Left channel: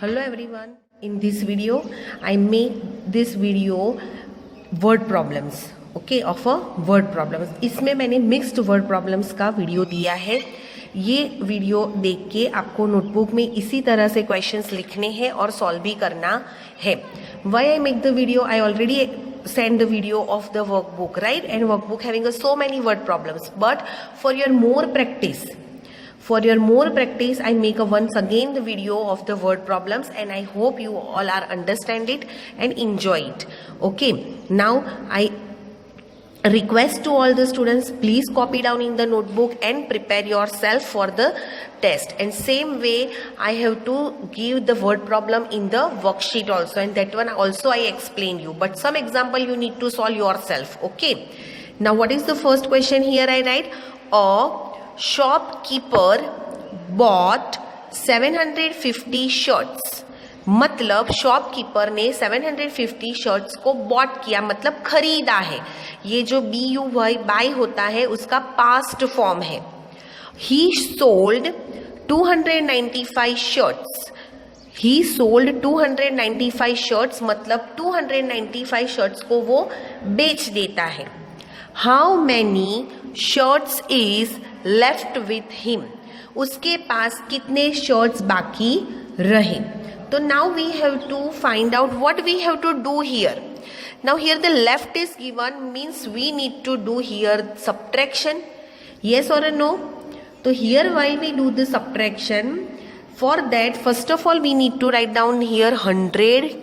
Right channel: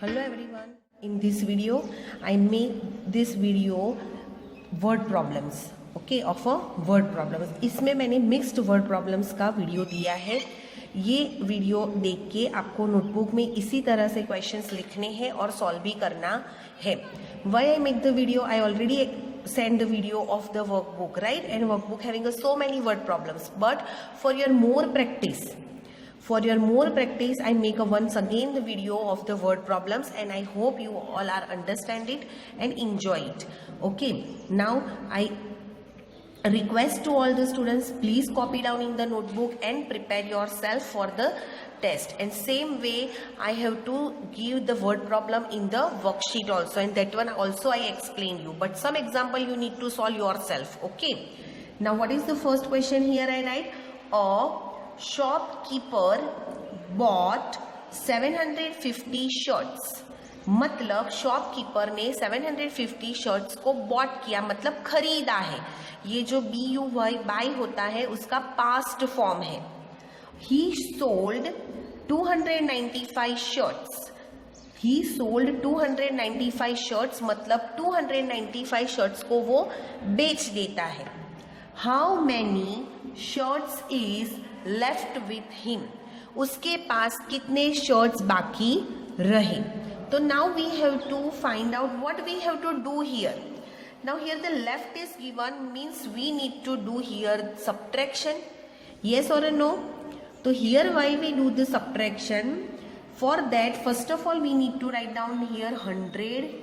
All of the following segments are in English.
Hello everyone. In this video, I make this video word problems. Okay, of a word problems. इसमें मैंने mixed word problems का video दिया है. ये video देख के आपको नोटबुक में इसी तरह से क्वेश्चंस लिखने हैं और सॉल्व भी करना है. Why I make the video? I already send the video of the workbook, right? And workbook having so many word problems. But for your more practice, I make once again the video of the word problems, and I hope you all are understand it and enjoy it. Okay, now I request to all the students, please copy down in the notebook and prepare yourself for the test. And same way I have to give the word problem in the worksheet also, and that one also I explain you, but some example you need to solve yourself. Okay, now what is the first question? Here I write, a shopkeeper bought 750 shirts. मतलब shopkeeper ने 750 shirts को bot किया, मतलब खरीदा है. ये जो BUY bye होता है उसका पास्ट फॉर्म है. ही सोल्ड 295 शर्ट्स. ही सोल्ड 295 शर्ट्स मतलब 295 शर्ट्स को वो बेच देता है. How many shirts is left with him. उसके पास कितने शर्ट्स बाकी रहे. So now we have to find out what we have to do here. Now here the left is given, means we need to do here subtraction. Yes or no? So here why we do the subtraction? For that, first of all we need to write down here 100,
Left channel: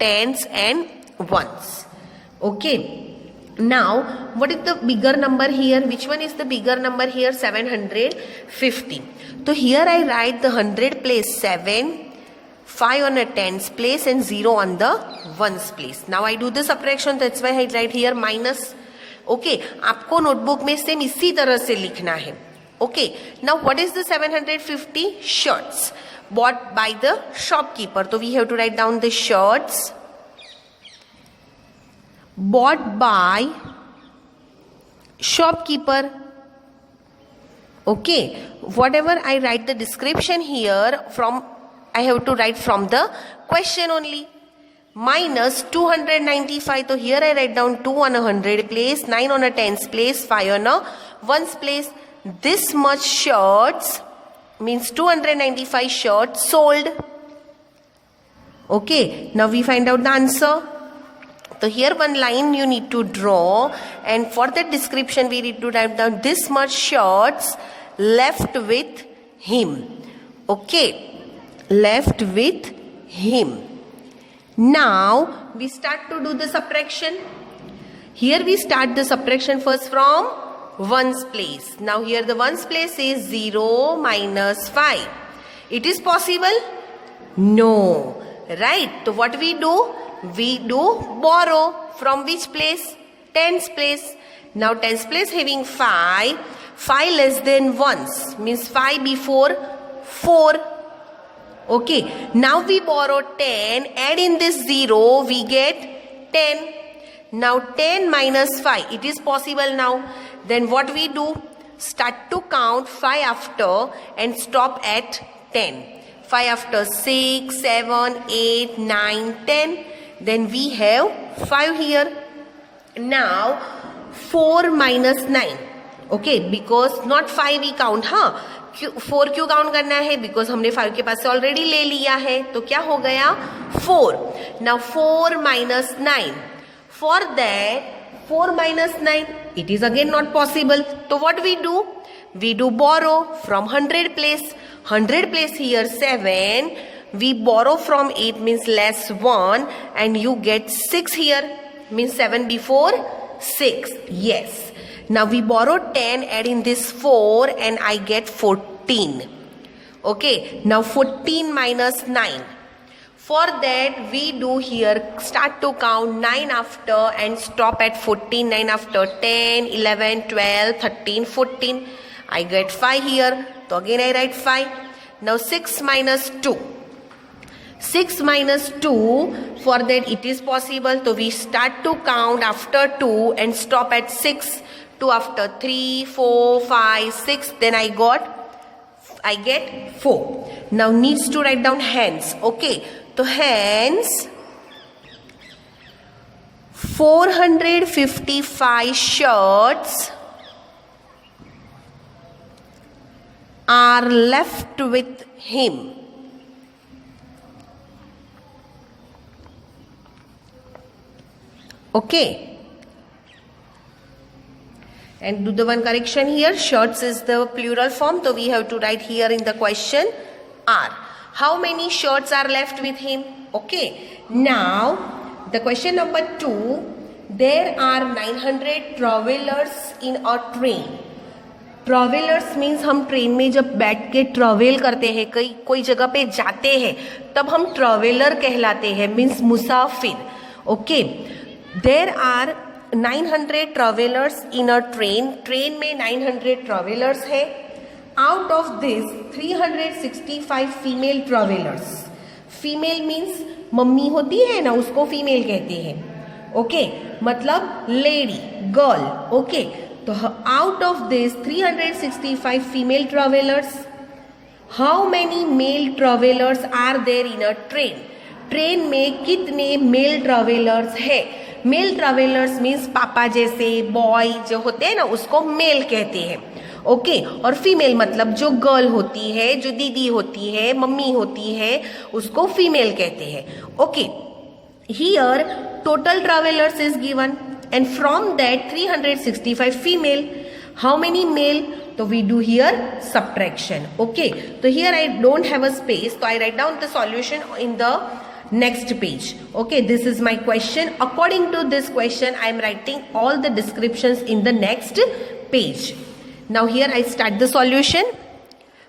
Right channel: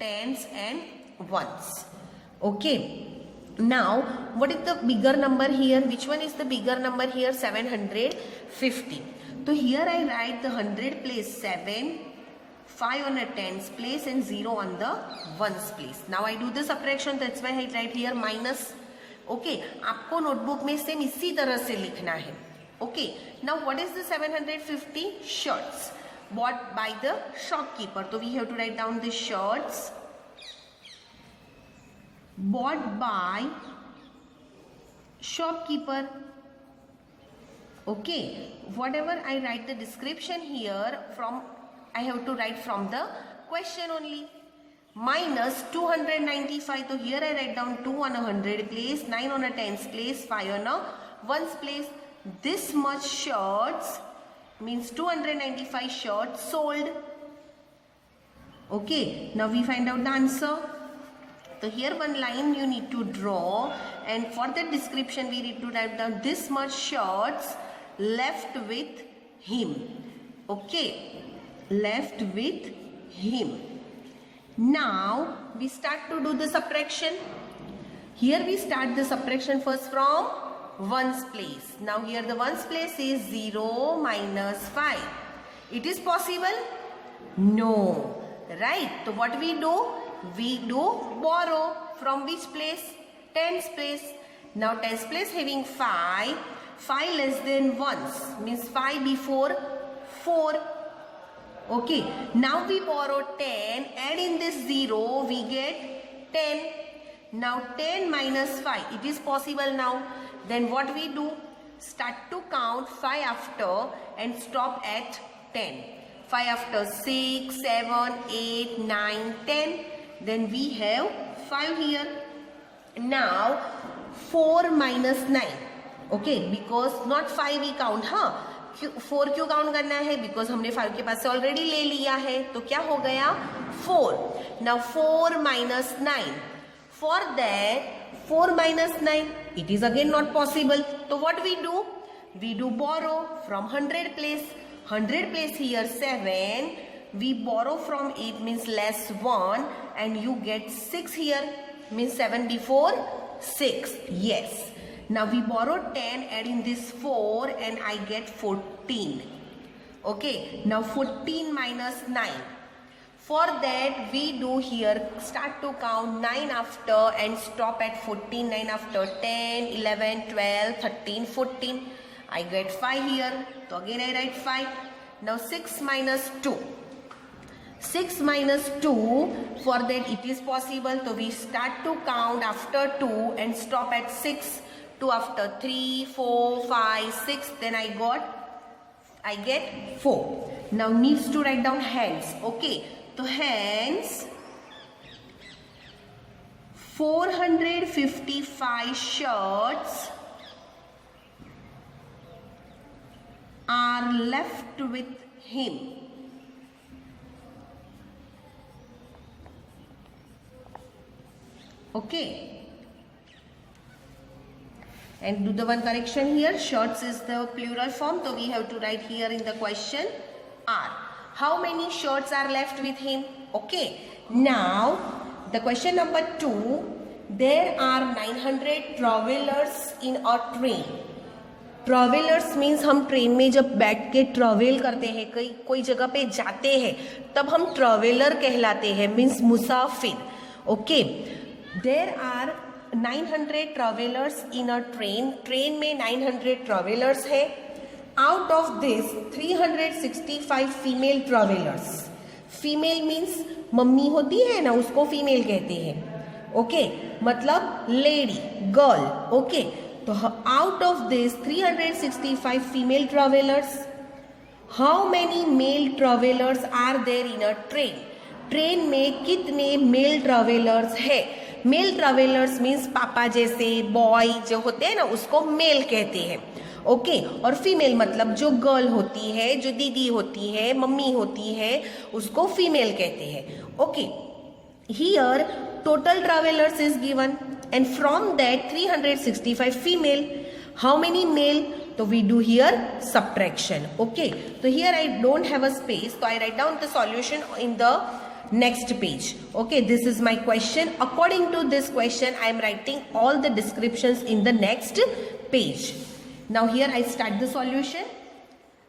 tens and ones. Okay. Now what is the bigger number here? Which one is the bigger number here? 750. So here I write the 100 place 7, 5 on a tens place and 0 on the ones place. Now I do the subtraction, that's why I write here minus. Okay, आपको notebook में same इसी तरह से लिखना है. Okay, now what is the 750 shirts bought by the shopkeeper? So we have to write down the shirts bought by shopkeeper. Okay, whatever I write the description here from, I have to write from the question only. Minus 295. So here I write down 2 on a 100 place, 9 on a tens place, 5 on a ones place. This much shirts means 295 shirts sold. Okay, now we find out the answer. So here one line you need to draw, and for that description we need to write down this much shirts left with him. Okay, left with him. Now we start to do the subtraction. Here we start the subtraction first from ones place. Now here the ones place is 0 minus 5. It is possible? No. Right? So what we do? We do borrow from which place? Tens place. Now tens place having 5. 5 less than ones means 5 before 4. Okay, now we borrow 10, add in this 0, we get 10. Now 10 minus 5, it is possible now. Then what we do? Start to count 5 after and stop at 10. 5 after 6, 7, 8, 9, 10. Then we have 5 here. Now 4 minus 9. Okay, because not 5 we count, huh? 4 क्यों count करना है? Because हमने 5 के पास से already ले लिया है. तो क्या हो गया? 4. Now 4 minus 9. For that 4 minus 9 it is again not possible. तो what we do? We do borrow from 100 place. 100 place here 7. We borrow from 8 means less 1 and you get 6 here means 7 before 6. Yes. Now we borrow 10, add in this 4 and I get 14. Okay, now 14 minus 9. For that we do here start to count 9 after and stop at 14. 9 after 10, 11, 12, 13, 14. I get 5 here. So again I write 5. Now 6 minus 2. 6 minus 2, for that it is possible. So we start to count after 2 and stop at 6. 2 after 3, 4, 5, 6. Then I got I get 4. Now needs to write down hens. Okay, so hens 455 shirts are left with him. Okay. And do the one correction here. Shirts is the plural form. So we have to write here in the question are. How many shirts are left with him? Okay. Now the question number 2. There are 900 travelers in a train. Travellers means हम train में जब बैठ के travel करते हैं, कोई जगह पे जाते हैं, तब हम ट्रैवलर कहलाते हैं, मीन्स मुसाफिर. Okay. There are 900 travellers in a train. Train में 900 ट्रैवलर्स है. Out of this 365 female travellers. Female means mummy होती है ना, उसको फीमेल कहते हैं. ओके, मतलब लेडी, गर्ल. ओके, तो out of this 365 female travellers, how many male travellers are there in a train. Train में कितने मेल ट्रैवलर्स है. मेल ट्रैवलर्स मीन्स पापा जैसे बॉय जो होते हैं ना, उसको मेल कहते हैं. ओके. और फीमेल मतलब जो गर्ल होती है, जो दीदी होती है, मम्मी होती है, उसको फीमेल कहते हैं. Okay. Here total travellers is given and from that 365 female, how many male? So we do here subtraction. Okay, so here I don't have a space, so I write down the solution in the next page. Okay, this is my question. According to this question, I am writing all the descriptions in the next page. Now here I start the solution.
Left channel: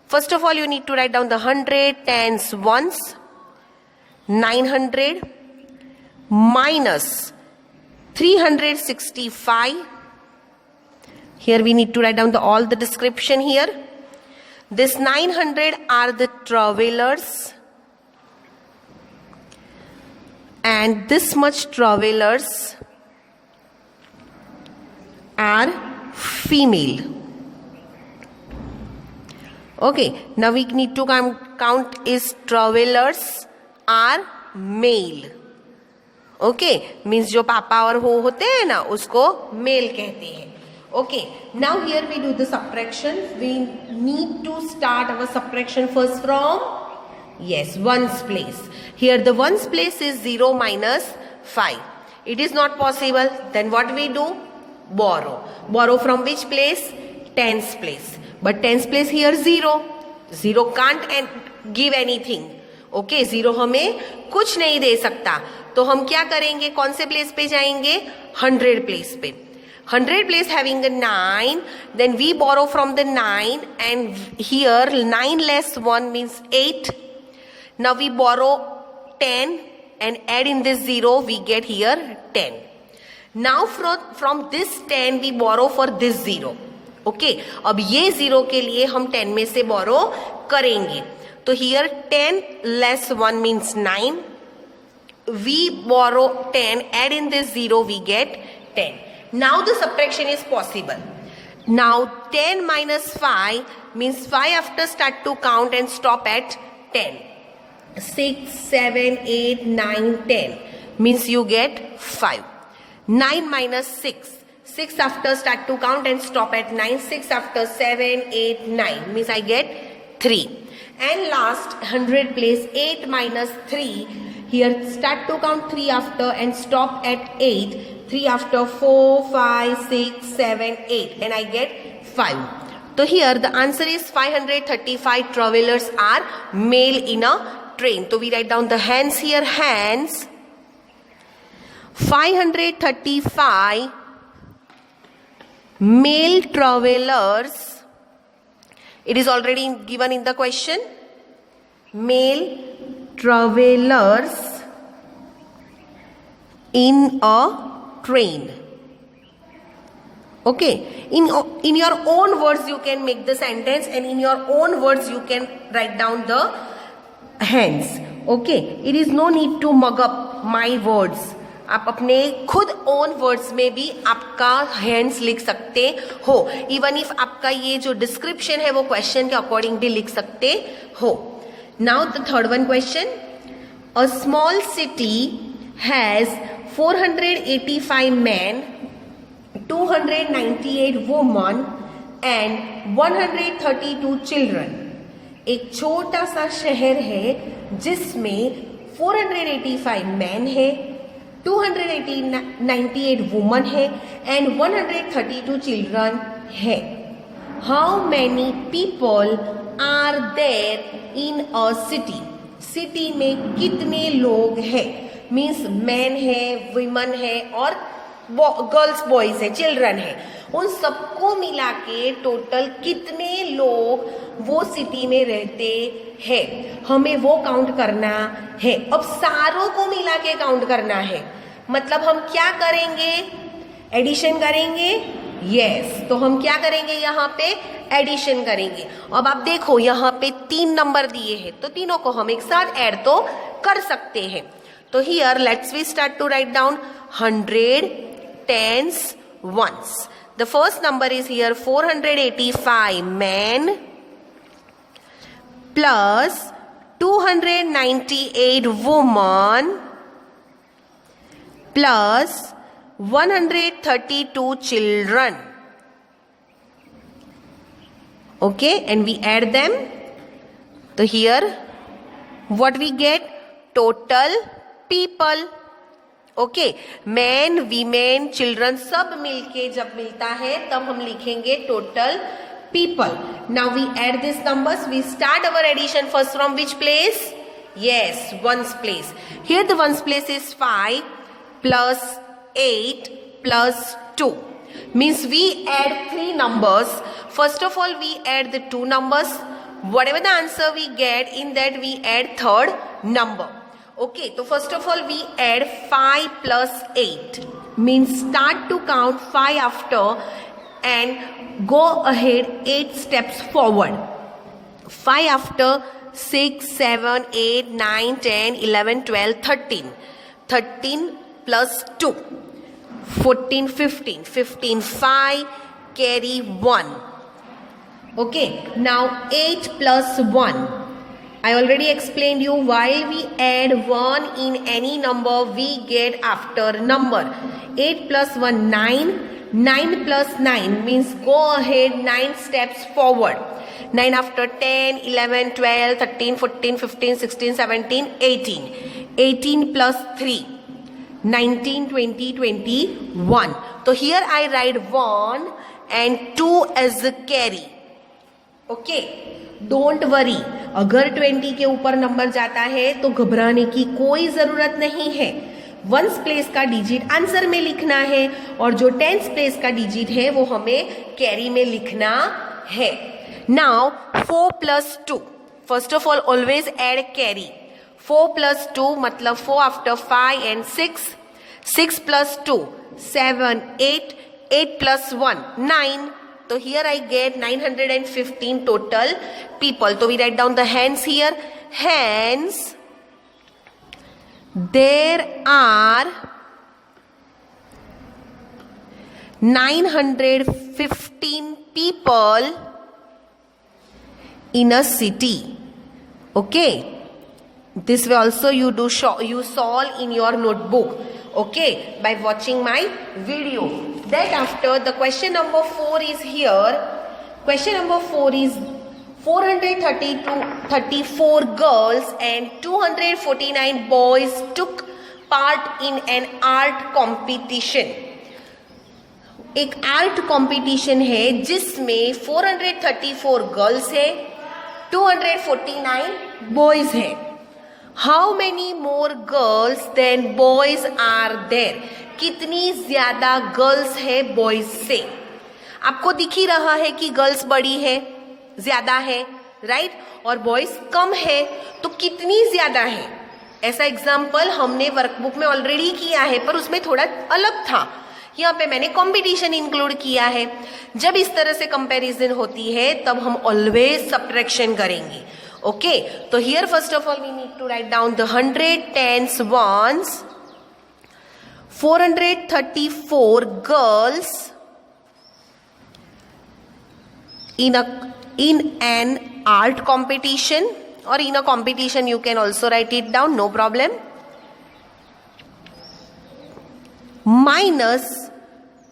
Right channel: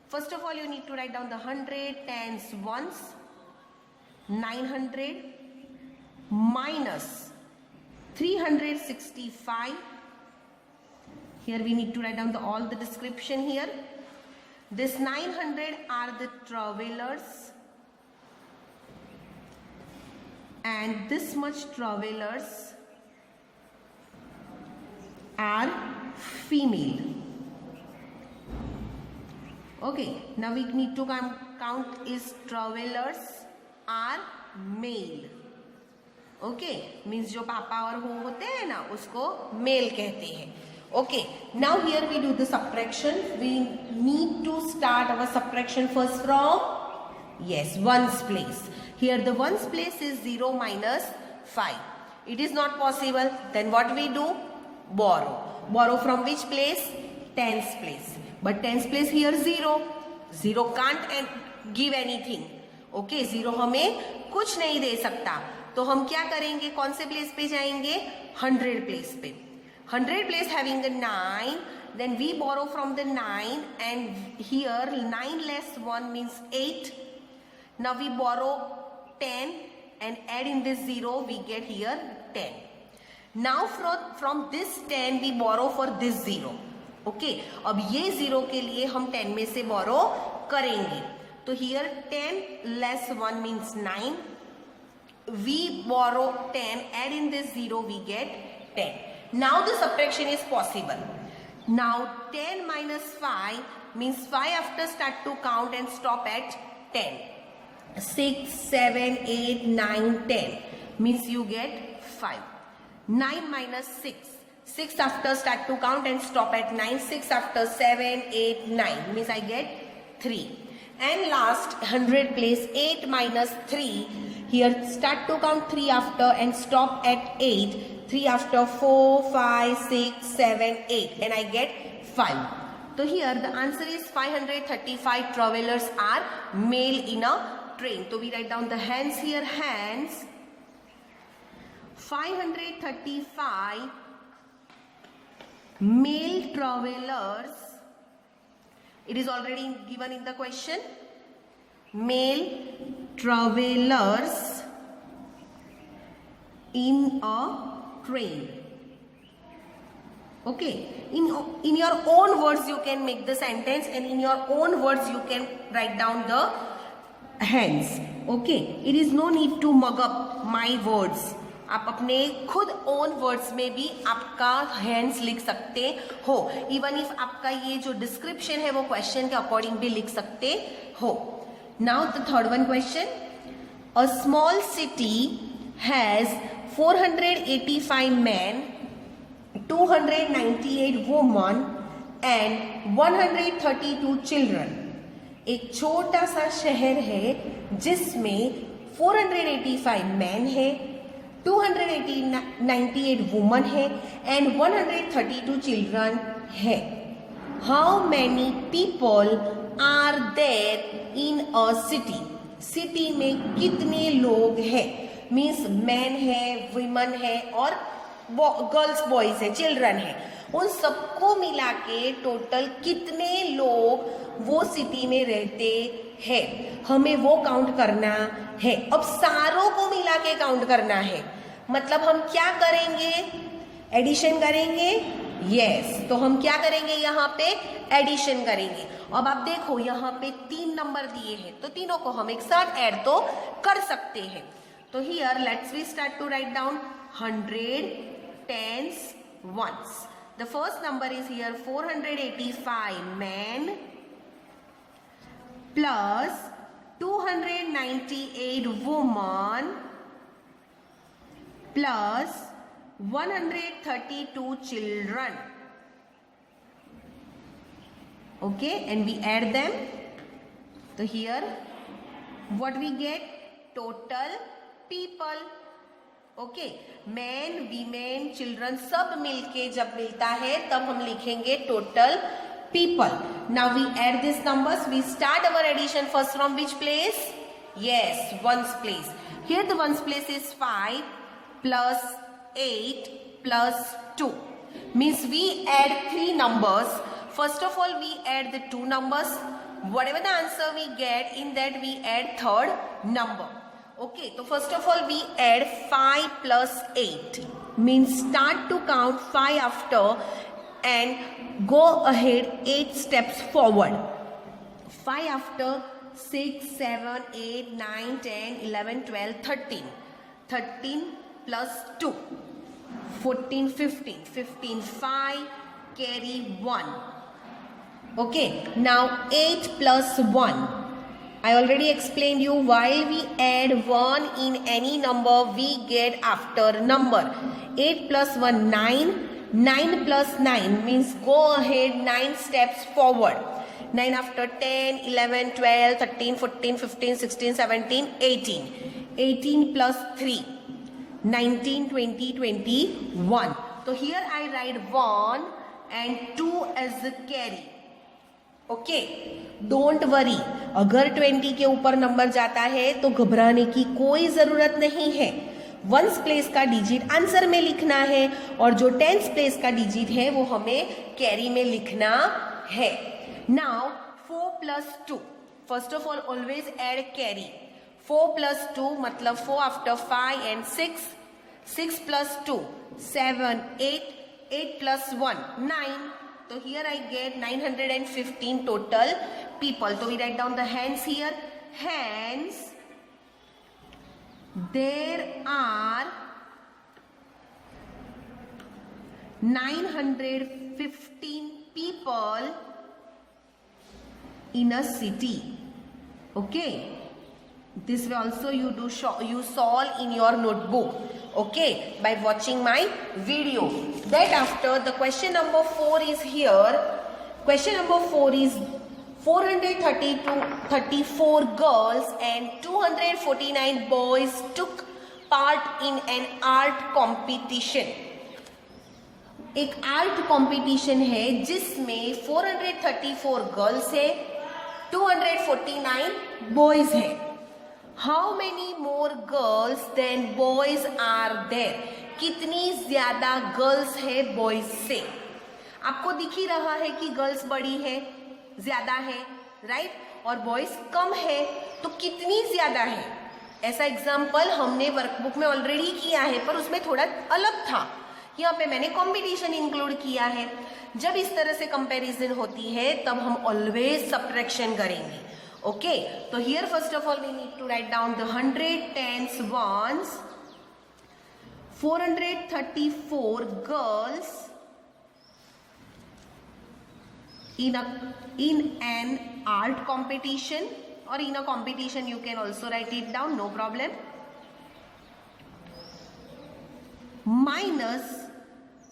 First of all, you need to write down the 100 tens ones, 900 minus 365. Here we need to write down all the description here. This 900 are the travelers, and this much travelers are female. Okay, now we need to count is travelers are male. Okay, means जो पापा और वो होते हैं ना, उसको male कहते हैं. Okay. Now here we do the subtraction. We need to start our subtraction first from ones place. Here the ones place is 0 minus 5. It is not possible. Then what we do? Borrow. Borrow from which place? Tens place. But tens place here 0. 0 can't give anything. Okay, 0 हमें कुछ नहीं दे सकता. तो हम क्या करेंगे, कौन से प्लेस पे जाएंगे? 100 प्लेस पे. 100 place having a 9, then we borrow from the 9 and here 9 less 1 means 8. Now we borrow 10 and add in this 0, we get here 10. Now from this 10 we borrow for this 0. Okay, अब ये 0 के लिए हम 10 में से बोरो करेंगे. तो here 10 less 1 means 9. We borrow 10, add in this 0, we get 10. Now the subtraction is possible. Now 10 minus 5 means 5 after start to count and stop at 10. 6, 7, 8, 9, 10 means you get 5. 9 minus 6. 6 after start to count and stop at 9. 6 after 7, 8, 9 means I get 3. And last 100 place 8 minus 3. Here start to count 3 after and stop at 8. 3 after 4, 5, 6, 7, 8 and I get 5. So here the answer is 535 travelers are male in a train. So we write down the hands here. Hands 535 male travelers. It is already given in the question. Male travelers in a train. Okay, in your own words you can make the sentence, and in your own words you can write down the hands. Okay, it is no need to mug up my words. आप अपने खुद own words में भी आपका hands लिख सकते हो, even if आपका ये जो डिस्क्रिप्शन है वो क्वेश्चन के अकॉर्डिंग भी लिख सकते हो. Now the third one question. A small city has 485 men, 298 women and 132 children. एक छोटा सा शहर है जिसमें 485 मैन है, 298 वुमन है एंड 132 चिल्ड्रन है. How many people are there in a city? City में कितने लोग हैं? मीन्स मैन है, वुमन है और गर्ल्स बॉयज है, चिल्ड्रन है. उन सबको मिला के टोटल कितने लोग वो सिटी में रहते हैं, हमें वो काउंट करना है. अब सारों को मिला के काउंट करना है, मतलब हम क्या करेंगे? एडिशन करेंगे. यस, तो हम क्या करेंगे? यहाँ पे एडिशन करेंगे. अब आप देखो यहाँ पे 3 नंबर दिए हैं, तो तीनों को हम एक साथ ऐड तो कर सकते हैं. तो here let's we start to write down 100, tens, ones. The first number is here 485 men plus 298 women plus 132 children. Okay, and we add them. So here what we get? Total people. Okay, man, women, children सब मिलके जब मिलता है तब हम लिखेंगे total people. Now we add this numbers. We start our addition first from which place? Yes, ones place. Here the ones place is 5 plus 8 plus 2. Means we add 3 numbers. First of all, we add the 2 numbers. Whatever the answer we get, in that we add third number. Okay, so first of all we add 5 plus 8. Means start to count 5 after and go ahead 8 steps forward. 5 after 6, 7, 8, 9, 10, 11, 12, 13. 13 plus 2. 14, 15. 15, 5, carry 1. Okay, now 8 plus 1. I already explained you, while we add 1 in any number, we get after number. 8 plus 1, 9. 9 plus 9 means go ahead 9 steps forward. 9 after 10, 11, 12, 13, 14, 15, 16, 17, 18. 18 plus 3. 19, 20, 21. So here I write 1 and 2 as the carry. Okay, don't worry. अगर 20 के ऊपर number जाता है तो घबराने की कोई जरूरत नहीं है. वंस प्लेस का डिजिट आंसर में लिखना है और जो टेंस प्लेस का डिजिट है वो हमें कैरी में लिखना है. Now 4 plus 2. First of all always add carry. 4 plus 2 मतलब 4 after 5 and 6. 6 plus 2, 7, 8. 8 plus 1, 9. So here I get 915 total people. So we write down the hands here. Hence, there are 915 people in a city. Okay. This way also you solve in your notebook. Okay, by watching my video. That after the question number 4 is here. Question number 4 is 434 girls and 249 boys took part in an art competition. एक art competition है जिसमें 434 girls है, 249 boys है. How many more girls than boys are there? कितनी ज्यादा girls है boys से? आपको दिख ही रहा है कि गर्ल्स बड़ी है, ज्यादा है, राइट, और बॉयज कम है, तो कितनी ज्यादा है? ऐसा एग्जाम्पल हमने वर्कबुक में ऑलरेडी किया है, पर उसमें थोड़ा अलग था. यहाँ पे मैंने कंपटीशन इंक्लूड किया है. जब इस तरह से कंपैरिजन होती है तब हम ऑलवेज सब्ट्रैक्शन करेंगे. ओके, तो here first of all we need to write down the 100, 10s, 1s. 434 girls in an art competition, or in a competition you can also write it down, no problem, minus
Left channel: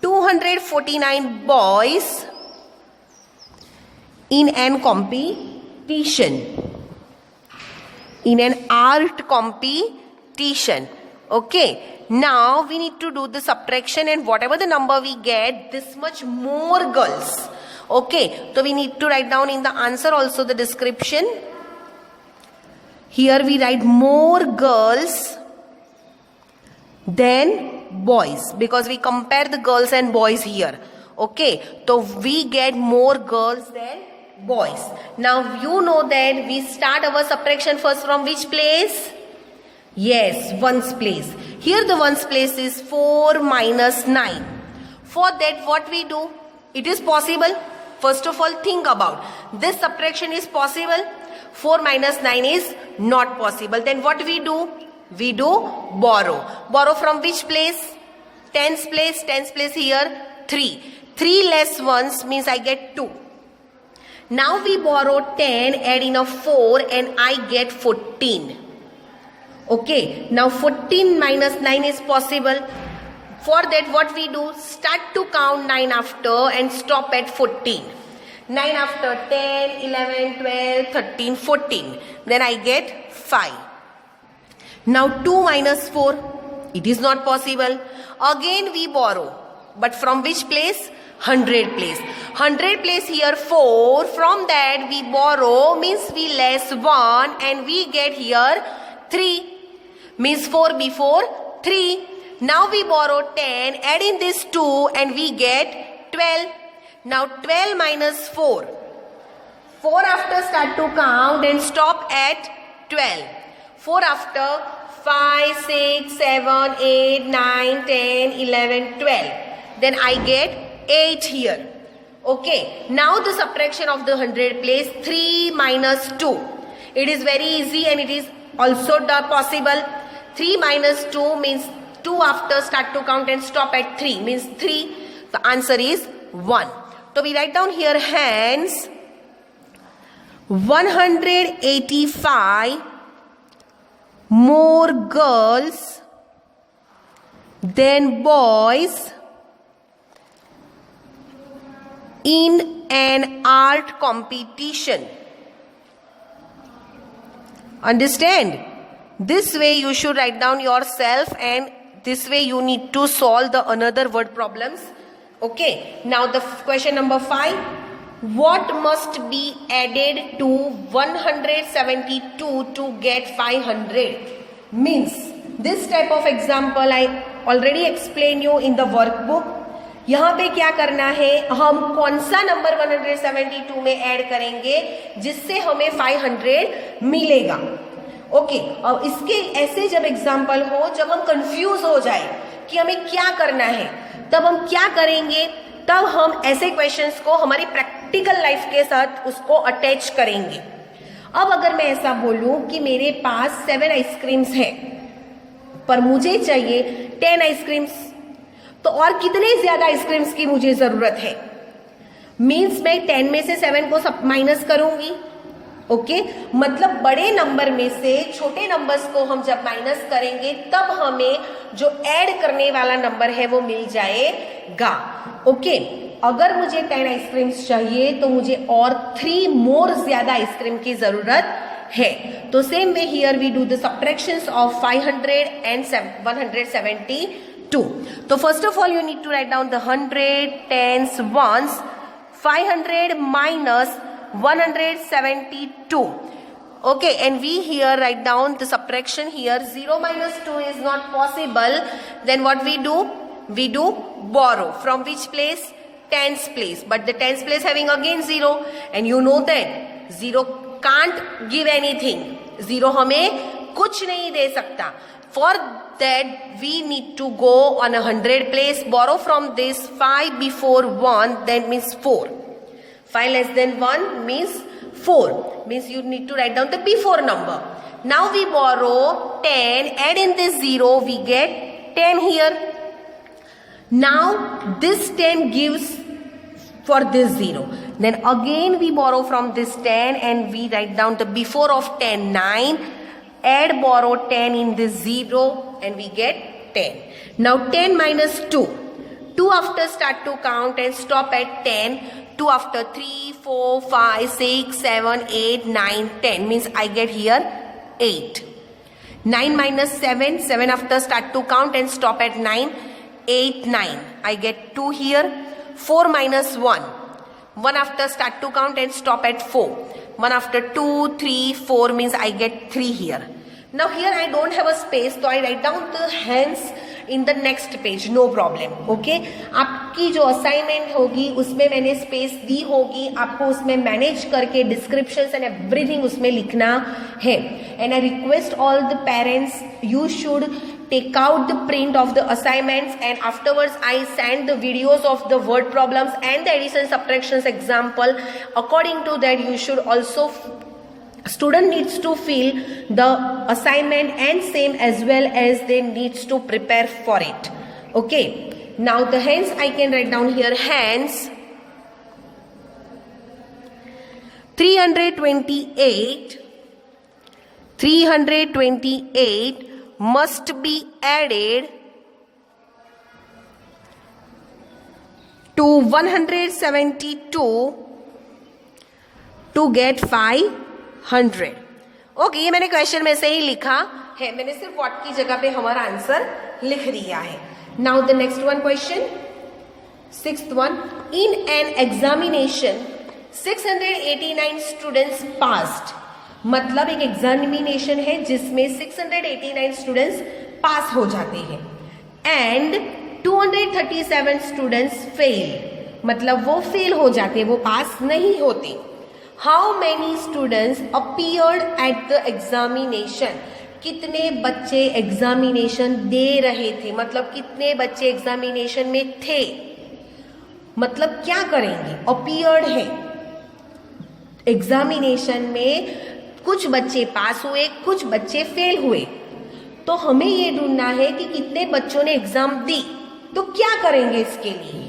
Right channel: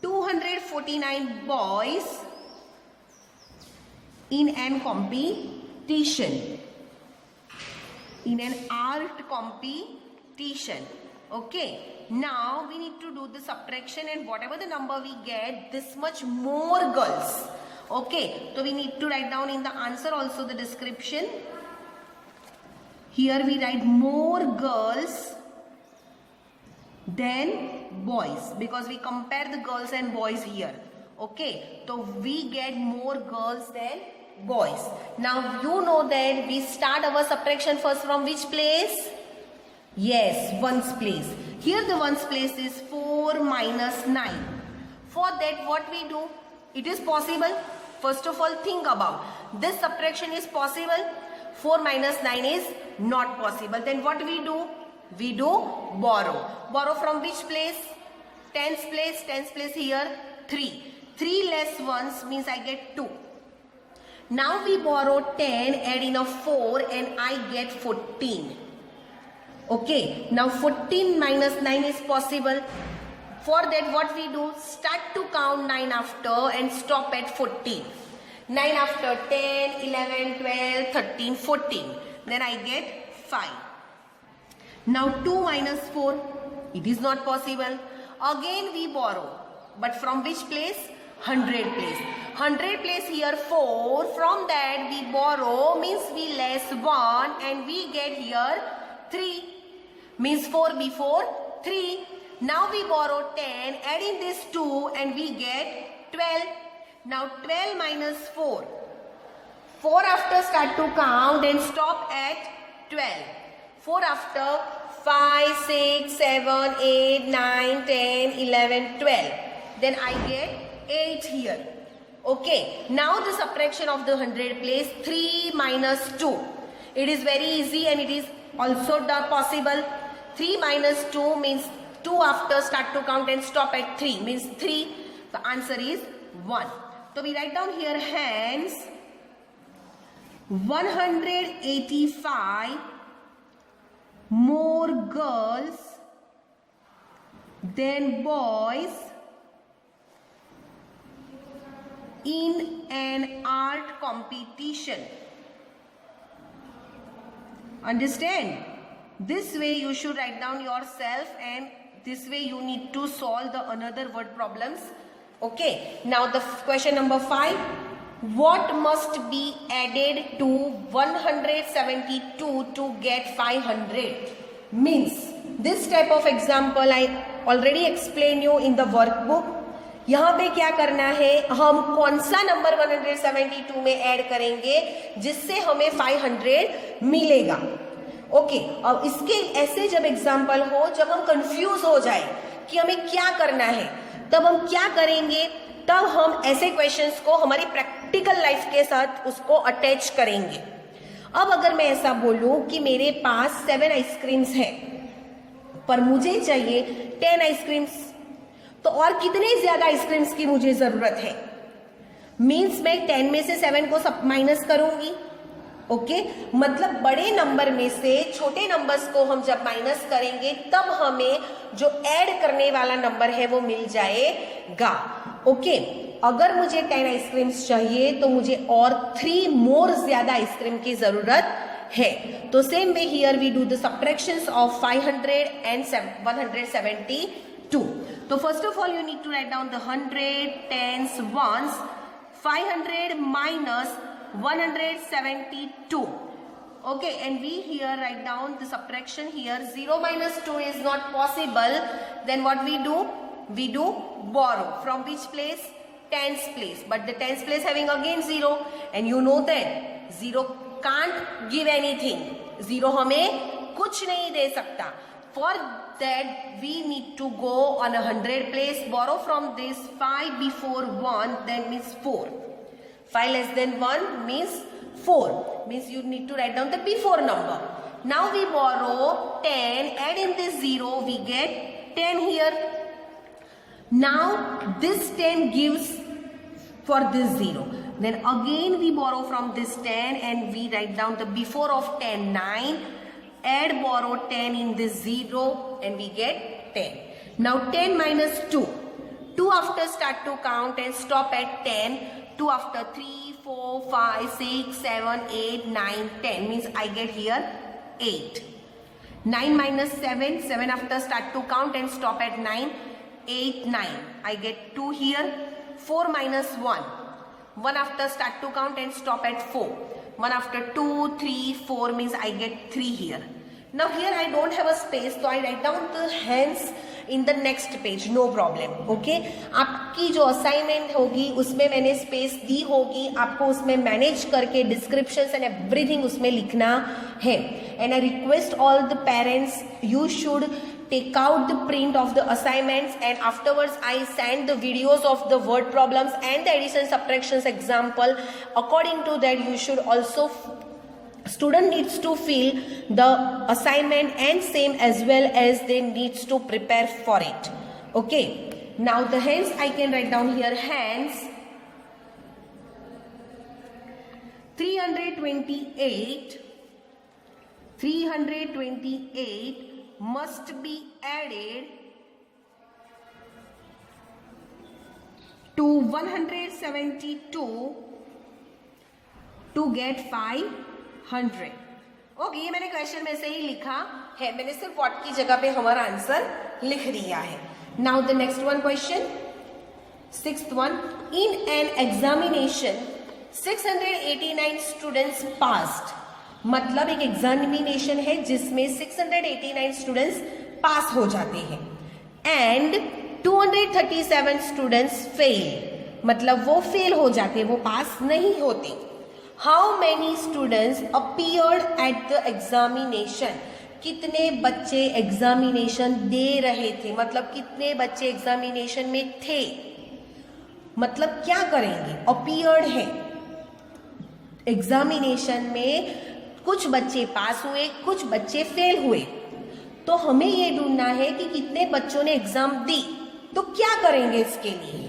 249 boys in an competition, in an art competition. Okay, now we need to do the subtraction, and whatever the number we get, this much more girls. Okay, so we need to write down in the answer also the description. Here we write more girls than boys, because we compare the girls and boys here. Okay, so we get more girls than boys. Now you know that we start our subtraction first from which place? Yes, ones place. Here the ones place is 4 minus 9. For that what we do? It is possible. First of all, think about this subtraction is possible. 4 minus 9 is not possible. Then what we do? We do borrow. Borrow from which place? Tens place. Tens place here 3. 3 less ones means I get 2. Now we borrow 10, add in a 4 and I get 14. Okay, now 14 minus 9 is possible. For that what we do? Start to count 9 after and stop at 14. 9 after 10, 11, 12, 13, 14. Then I get 5. Now 2 minus 4. It is not possible. Again we borrow. But from which place? 100 place. 100 place here 4. From that we borrow means we less 1 and we get here 3. Means 4 before 3. Now we borrow 10, add in this 2 and we get 12. Now 12 minus 4. 4 after start to count and stop at 12. 4 after 5, 6, 7, 8, 9, 10, 11, 12. Then I get 8 here. Okay. Now the subtraction of the 100 place 3 minus 2. It is very easy and it is also possible. 3 minus 2 means 2 after start to count and stop at 3 means 3. The answer is 1. So we write down here hence 185 more girls than boys in an art competition. Understand? This way you should write down yourself, and this way you need to solve the another word problems. Okay. Now the question number 5. What must be added to 172 to get 500? Means this type of example I already explained you in the workbook. यहाँ पे क्या करना है, हम कौन सा number 172 में add करेंगे जिससे हमें 500 मिलेगा. ओके, अब इसके ऐसे जब एग्जाम्पल हो, जब हम कंफ्यूज हो जाए कि हमें क्या करना है, तब हम क्या करेंगे, तब हम ऐसे क्वेश्चंस को हमारी प्रैक्टिकल लाइफ के साथ उसको अटैच करेंगे. अब अगर मैं ऐसा बोलूं कि मेरे पास 7 आइसक्रीम्स हैं पर मुझे चाहिए 10 आइसक्रीम्स, तो और कितने ज्यादा आइसक्रीम्स की मुझे जरूरत है? मीन्स मैं 10 में से 7 को सब माइनस करूंगी. ओके, मतलब बड़े नंबर में से छोटे नंबर्स को हम जब माइनस करेंगे तब हमें जो ऐड करने वाला नंबर है वो मिल जाएगा. ओके, अगर मुझे 10 आइसक्रीम्स चाहिए तो मुझे और 3 मोर ज्यादा आइसक्रीम की जरूरत है. तो same way here we do the subtractions of 500 and 172. तो first of all you need to write down the 100 10s ones. 500 minus 172. Okay, and we here write down the subtraction here. 0 minus 2 is not possible. Then what we do? We do borrow. From which place? Tens place. But the tens place having again 0. And you know that 0 can't give anything. 0 हमें कुछ नहीं दे सकता. For that we need to go on a 100 place. Borrow from this 5 before 1. That means 4. 5 less than 1 means 4. Means you need to write down the before number. Now we borrow 10. Add in this 0. We get 10 here. Now this 10 gives for this 0. Then again we borrow from this 10 and we write down the before of 10, 9. Add, borrow 10 in this 0 and we get 10. Now 10 minus 2. 2 after start to count and stop at 10. 2 after 3, 4, 5, 6, 7, 8, 9, 10 means I get here 8. 9 minus 7. 7 after start to count and stop at 9. 8, 9. I get 2 here. 4 minus 1. 1 after start to count and stop at 4. 1 after 2, 3, 4 means I get 3 here. Now here I don't have a space, so I write down the hence in the next page, no problem. Okay, आपकी जो assignment होगी उसमें मैंने space दी होगी, आपको उसमें manage करके descriptions and everything उसमें लिखना है. And I request all the parents, you should take out the print of the assignments and afterwards I send the videos of the word problems and the addition subtractions example. According to that you should also, student needs to fill the assignment and same as well as they needs to prepare for it. Okay, now the hence I can write down here, hence 328 must be added to 172 to get 500. Okay, ये मैंने question में से ही लिखा है, मैंने सिर्फ what की जगह पे हमारा आंसर लिख दिया है. Now the next one question, 6th one. In an examination 689 students passed. मतलब एक एग्जामिनेशन है जिसमें 689 स्टूडेंट्स पास हो जाते हैं एंड 237 स्टूडेंट्स फेल, मतलब वो फेल हो जाते हैं, वो पास नहीं होते. How many students appeared at the examination. कितने बच्चे एग्जामिनेशन दे रहे थे, मतलब कितने बच्चे एग्जामिनेशन में थे. मतलब क्या करेंगे, अपीयर्ड है एग्जामिनेशन में, कुछ बच्चे पास हुए, कुछ बच्चे फेल हुए. तो हमें ये ढूंढना है कि कितने बच्चों ने एग्जाम दी. तो क्या करेंगे इसके लिए,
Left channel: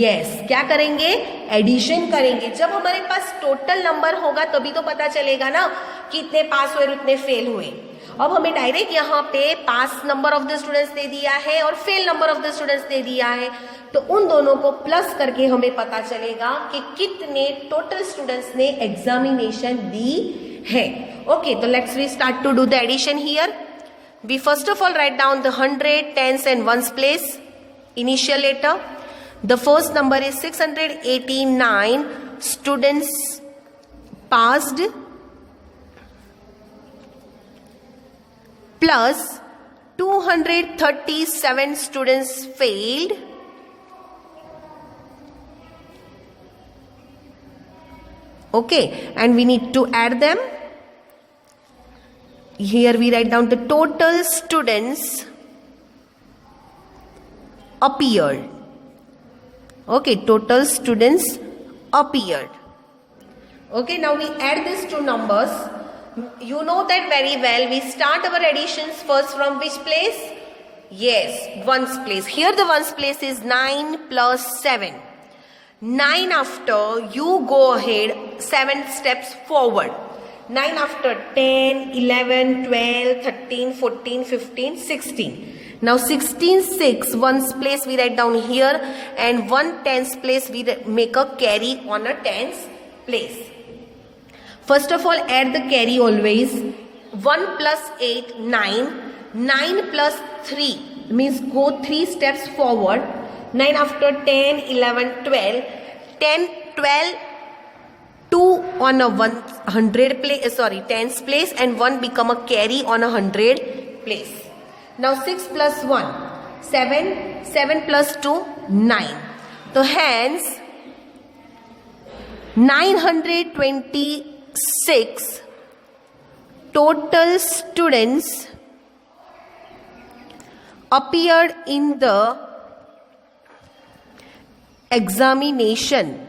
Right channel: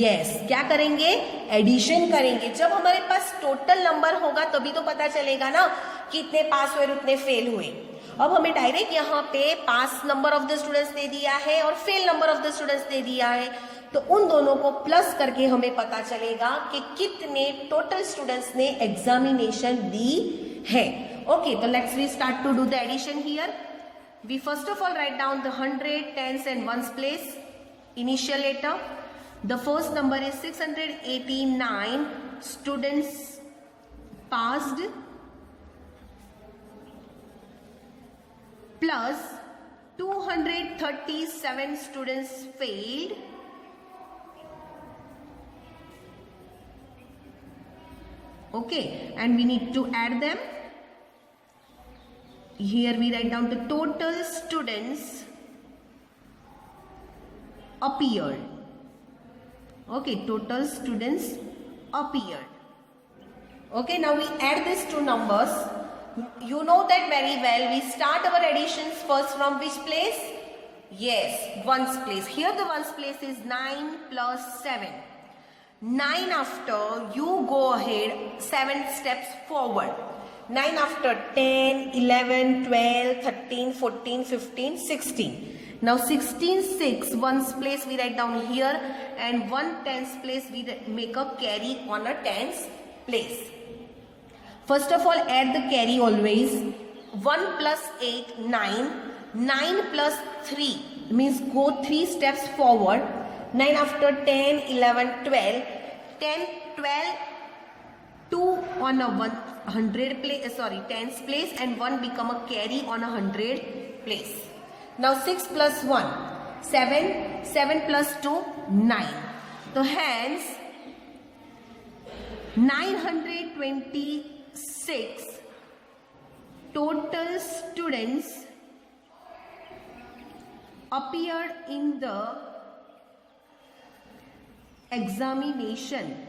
यस क्या करेंगे, एडिशन करेंगे. जब हमारे पास टोटल नंबर होगा तभी तो पता चलेगा ना कितने पास हुए और उतने फेल हुए. अब हमें डायरेक्ट यहाँ पे pass number of the students दे दिया है और fail number of the students दे दिया है, तो उन दोनों को प्लस करके हमें पता चलेगा कि कितने टोटल स्टूडेंट्स ने एग्जामिनेशन दी है. ओके, तो let's we start to do the addition here. We first of all write down the 100, 10s and 1s place initial letter. The first number is 689 students passed plus 237 students failed okay, and we need to add them. Here we write down the total students appeared. Okay, total students appeared. Okay, now we add these two numbers. You know that very well. We start our additions first from which place? Yes, ones place. Here the ones place is 9 plus 7. 9 after, you go ahead 7 steps forward. 9 after 10, 11, 12, 13, 14, 15, 16. Now 16, 6, ones place we write down here and 1 tens place we make a carry on a tens place. First of all add the carry always. 1 plus 8, 9. 9 plus 3 means go 3 steps forward. 9 after 10, 11, 12. 10, 12, 2 on a 100 place, tens place and 1 become a carry on a 100 place. Now 6 plus 1, 7, 7 plus 2, 9. So hence 926 total students appeared in the examination.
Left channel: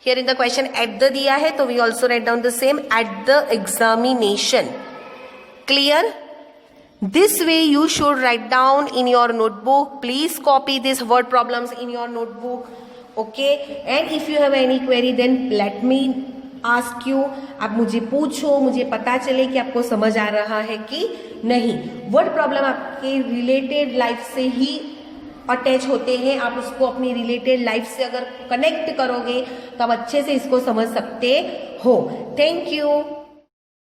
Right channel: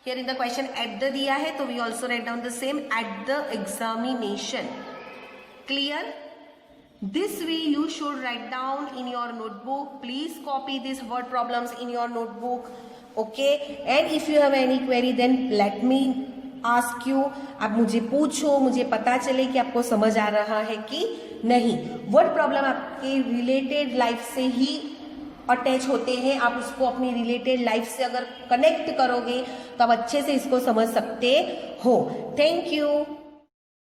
Here in the question at the diya hai, so we also write down the same, at the examination. Clear? This way you should write down in your notebook. Please copy these word problems in your notebook. Okay, and if you have any query then let me ask you. आप मुझे पूछो, मुझे पता चले कि आपको समझ आ रहा है कि नहीं. वर्ड प्रॉब्लम आपके रिलेटेड लाइफ से ही अटैच होते हैं. आप उसको अपनी रिलेटेड लाइफ से अगर कनेक्ट करोगे तो आप अच्छे से इसको समझ सकते हो. Thank you.